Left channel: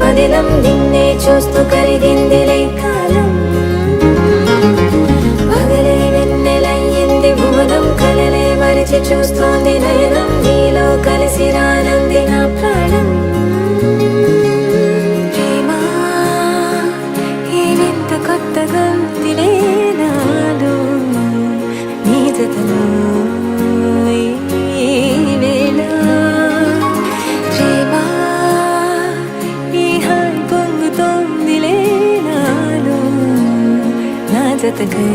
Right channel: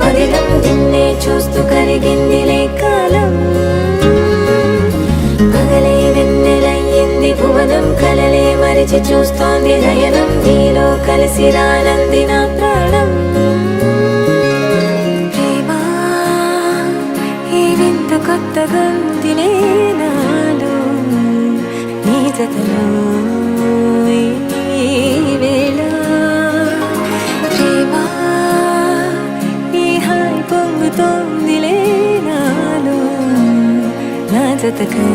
పదిలం నిన్నే చూస్తూ కరిగిందిలే కాలం పగలే వెన్నెలయ్యింది భువనం కలలే మరిచి చూస్తోంది నయనం నీలో కలిసి రానంది నా ప్రాణం ప్రేమ ఈ వింత కొత్తగా ఉందిలే నాలో నీ జతలో ఈ వేళ ప్రేమ ఈ హాయి పొంగుతోందిలే నాలో నా జతకై